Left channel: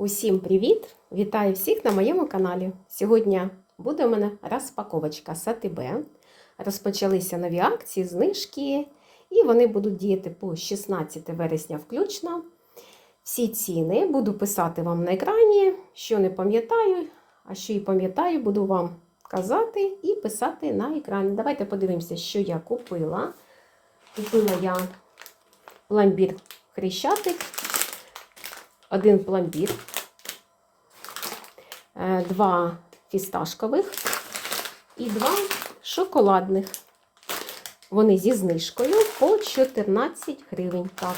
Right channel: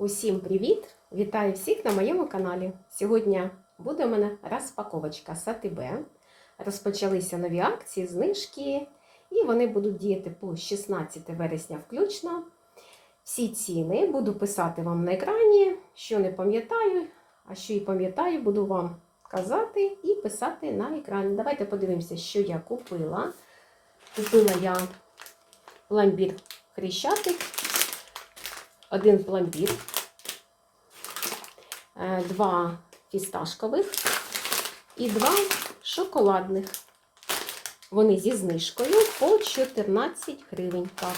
Усім привіт! Вітаю всіх на моєму каналі. Сьогодні буде у мене розпаковочка Сатибе. Розпочалися нові акції, знижки, і вони будуть діяти по 16 вересня включно. Всі ціни буду писати вам на екрані, що не пам'ятаю, а що і пам'ятаю, буду вам казати і писати на екрані. Давайте подивимося, що я купила. Купила я пломбір хрещатик, один пломбір, е, два фісташкових і два шоколадних. Вони зі знижкою по 14 гривень. Так.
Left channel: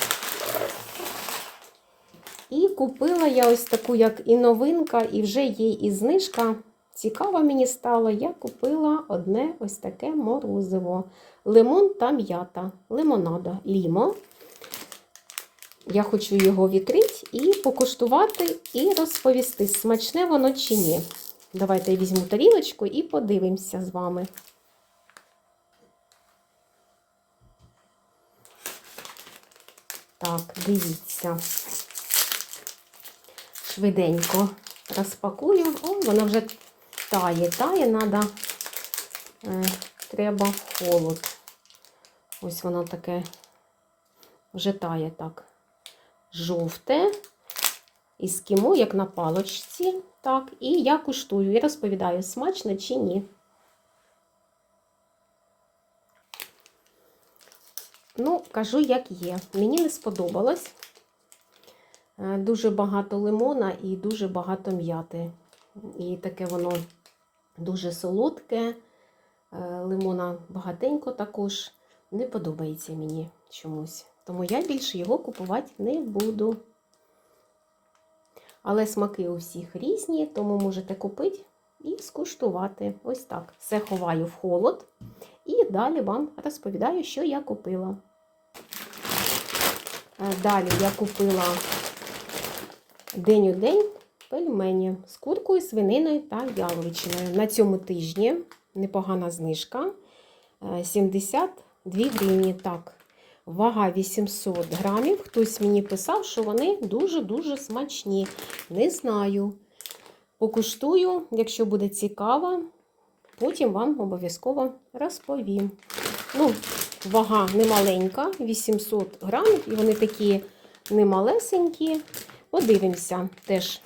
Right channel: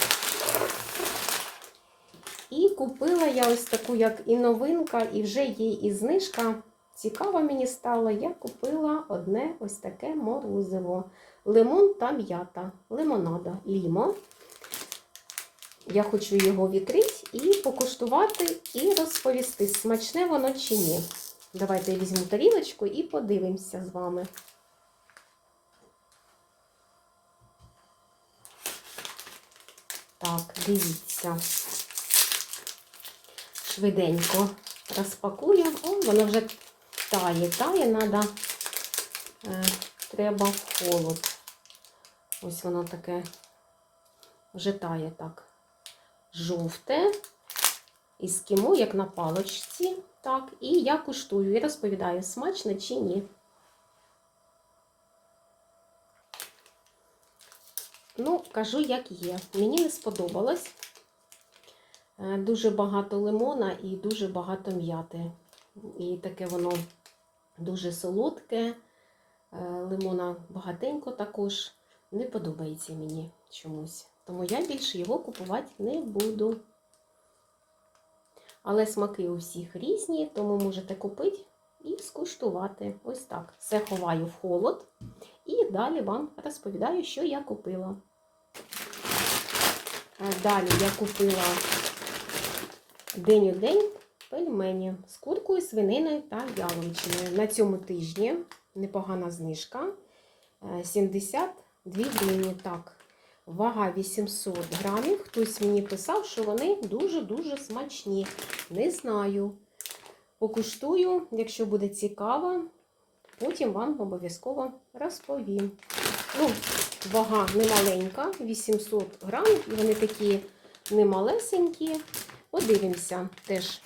І купила я ось таку, як і новинка, і вже є і знижка. Цікаво мені стало, я купила одне ось таке морозиво. Лимон та м'ята. Лимонада лімо. Я хочу його відкрити і покуштувати, і розповісти, смачне воно чи ні. Давайте я візьму тарілочку і подивимося з вами. Так, дивіться. Швиденько розпакую. О, воно вже тає, тає, надо, е, треба холод. Ось воно таке вже тає так. Жовте. Із кімо, як на палочці. Так, і я куштую і розповідаю, смачно чи ні. Ну, кажу, як є. Мені не сподобалось. Е, Дуже багато лимона і дуже багато м'яти. І таке воно дуже солодке. Е, Лимона багатенько також. Не подобається мені чомусь. Тому я більше його купувати не буду. Але смаки у всіх різні, тому можете купити і скуштувати. Ось так. Все ховаю в холод. І далі вам розповідаю, що я купила. Е, Далі я купила день у день пельмені з куркою, свининою та яловичиною. На цьому тижні непогана знижка. е, 72 гривні. Так, вага 800 грамів. Хтось мені писав, що вони дуже-дуже смачні. Не знаю. Покуштую, якщо буде цікаво, потім вам обов'язково розповім. Ну, вага немаленька, 800 грамів, і вони такі немалесенькі. Подивимося, теж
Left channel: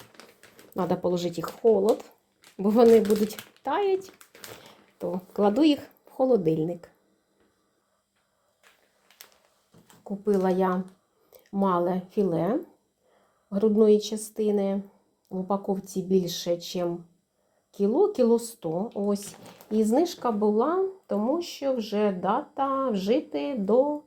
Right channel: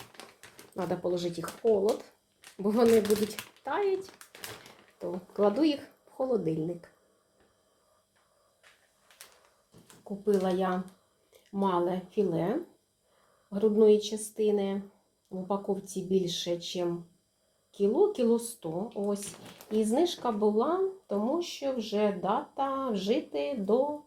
треба положити їх в холод, бо вони будуть таять, то кладу їх в холодильник. Купила я мале філе грудної частини. В упаковці більше, ніж кіло, кіло 100. Ось. І знижка була, тому що вже дата вжити до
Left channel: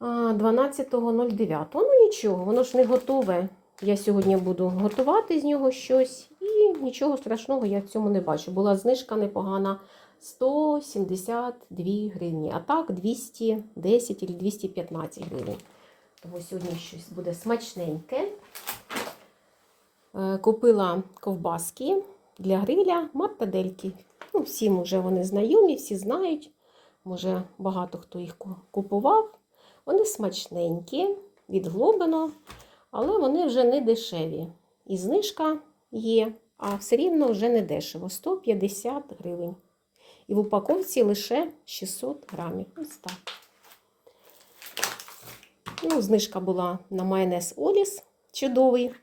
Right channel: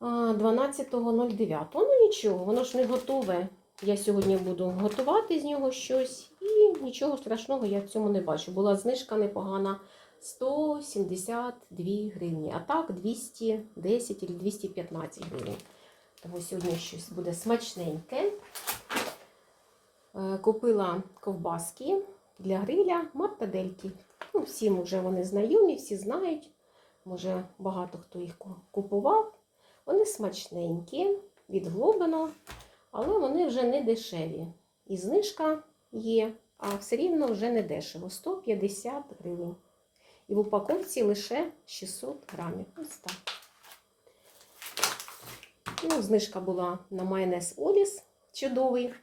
12.09. Ну нічого, воно ж не готове. Я сьогодні буду готувати з нього щось, і нічого страшного я в цьому не бачу. Була знижка непогана 172 гривні, а так 210 або 215 гривень. Тому сьогодні щось буде смачненьке. Е, Купила ковбаски для гриля мартадельки. Ну, всім вже вони знайомі, всі знають. Може, багато хто їх купував. Вони смачненькі, від Глобина, але вони вже не дешеві. І знижка є, а все рівно вже не дешево 150 гривень. І в упаковці лише 600 грамів. Ось так. Ну, знижка була на майонез Оліс чудовий.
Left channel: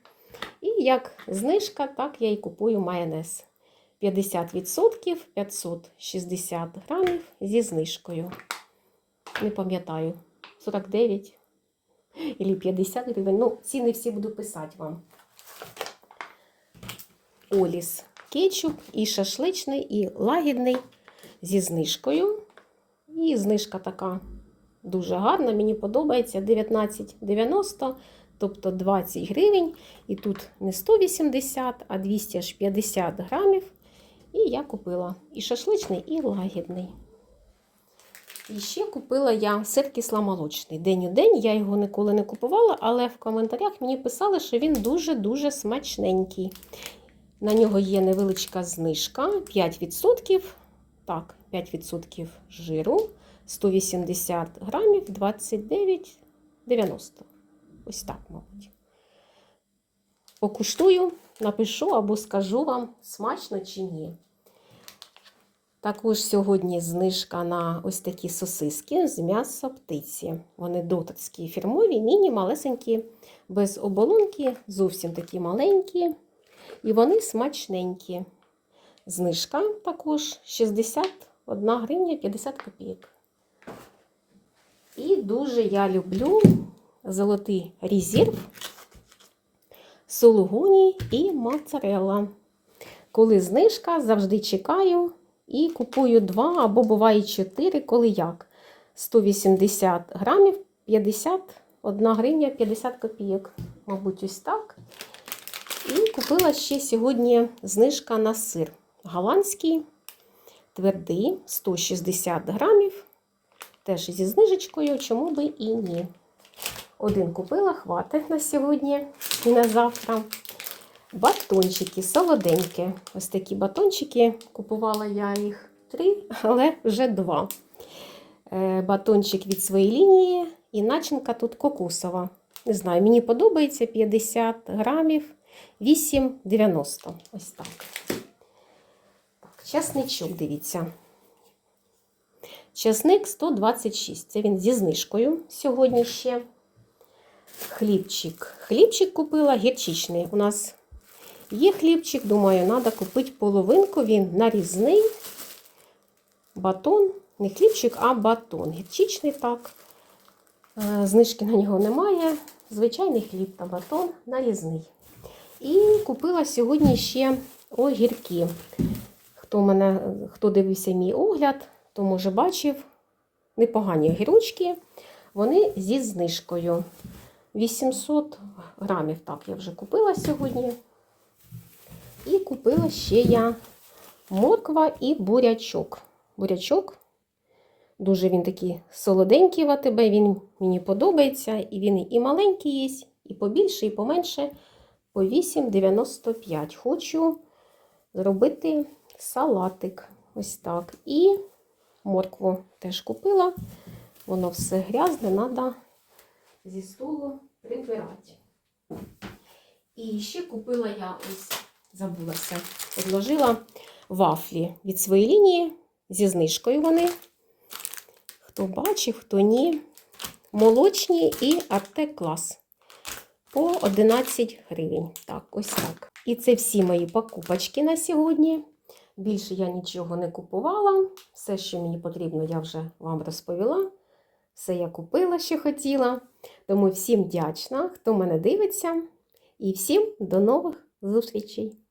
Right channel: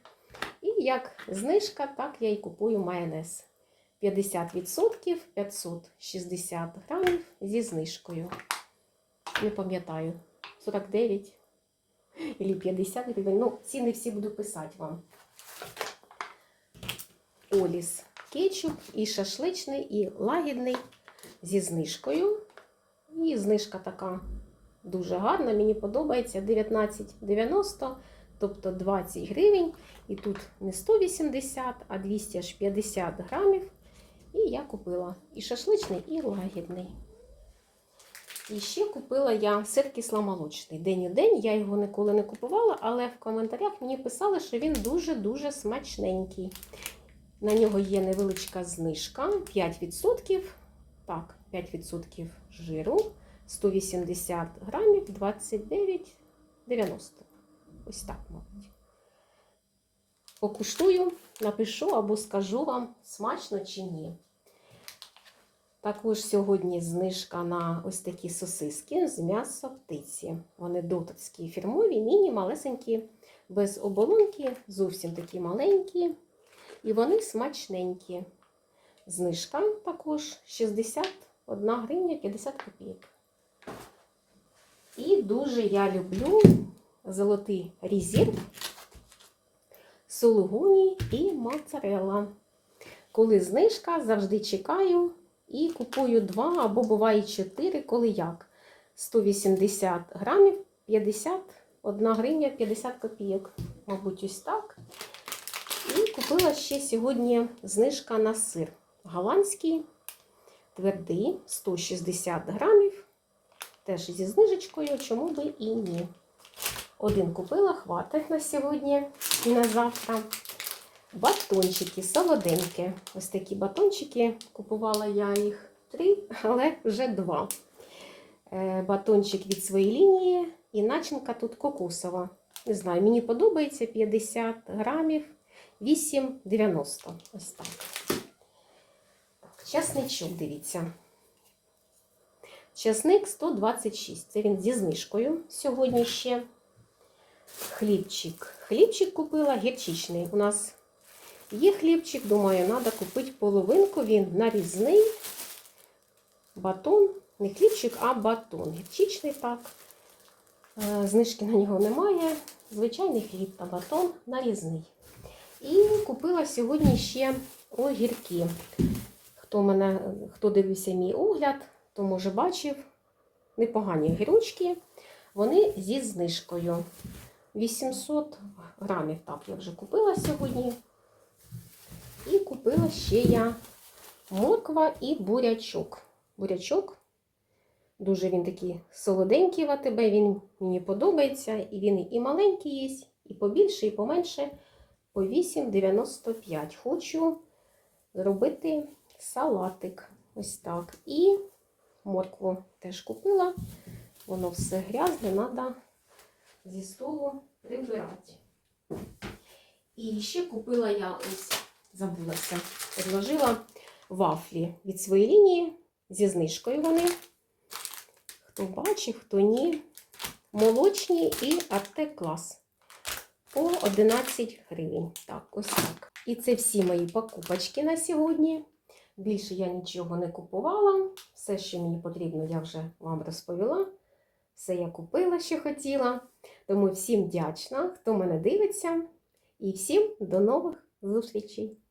І як знижка, так я і купую майонез. 50% 560 грамів зі знижкою. Не пам'ятаю, 49 або 50 гривень. Ну, ціни всі буду писати вам. Оліс кетчуп і шашличний, і лагідний зі знижкою. І знижка така дуже гарна, мені подобається 19,90, тобто 20 гривень. І тут не 180, а 250 грамів. І я купила і шашличний, і лагідний. І ще купила я сир кисломолочний. День у день. Я його ніколи не купувала, але в коментарях мені писали, що він дуже-дуже смачненький. На нього є невеличка знижка 5%. Так, 5% жиру, 180 грамів, 29,90. Ось так, мабуть. покуштую, напишу або скажу вам, смачно чи ні. Також сьогодні знижка на ось такі сосиски з м'яса птиці. Вони дотацькі фірмові, міні, малесенькі, без оболонки, зовсім такі маленькі. І вони смачненькі. Знижка також 61 гривня 50 копійок. І дуже я люблю золотий резерв, сулугуні і моцарелла. Коли знижка, завжди чекаю і купую два або буває 4, коли як. 180 грамів 51 гривня 50 копійок. Мабуть, ось так. І купила ще сьогодні знижка на сир. Голландський, твердий, 160 грамів. Теж зі знижечкою, чому би і ні. Один купила, хватить на сьогодні і на завтра. Батончики солоденькі. Ось такі батончики. Купувала я їх три, але вже два. Е, Батончик від своєї лінії і начинка тут кокосова. Не знаю, мені подобається 50 грамів, 8,90. Ось так. Так. Чесничок, дивіться. Чесник 126. Це він зі знижкою сьогодні ще. Хлібчик. Хлібчик купила гірчичний. У нас є хлібчик, думаю, треба купити половинку. Він нарізний. Батон. Не хлібчик, а батон. Гірчичний так. Е, Знижки на нього немає. Звичайний хліб та батон нарізний. І купила сьогодні ще огірки. Хто, мене, хто дивився мій огляд, то може бачив непогані огірочки. Вони зі знижкою. 800 грамів, так, я вже купила сьогодні. І купила ще я морква і бурячок. Бурячок, дуже він такий солоденький в АТБ, він мені подобається. І він і маленький є, і побільше, і поменше. По 8,95. Хочу зробити салатик. Ось так. І моркву теж купила. Воно все грязне, треба зі столу прибирати. І ще купила я ось, забулася, подложила вафлі від своєї лінії зі знижкою вони. Хто бачив, хто ні. Молочні і Артек клас по 11 гривень. Так, ось так. І це всі мої покупочки на сьогодні. Більше я нічого не купувала. Все, що мені потрібно, я вже вам розповіла. Все я купила, що хотіла. Тому всім вдячна, хто мене дивиться. І всім до нових зустрічей!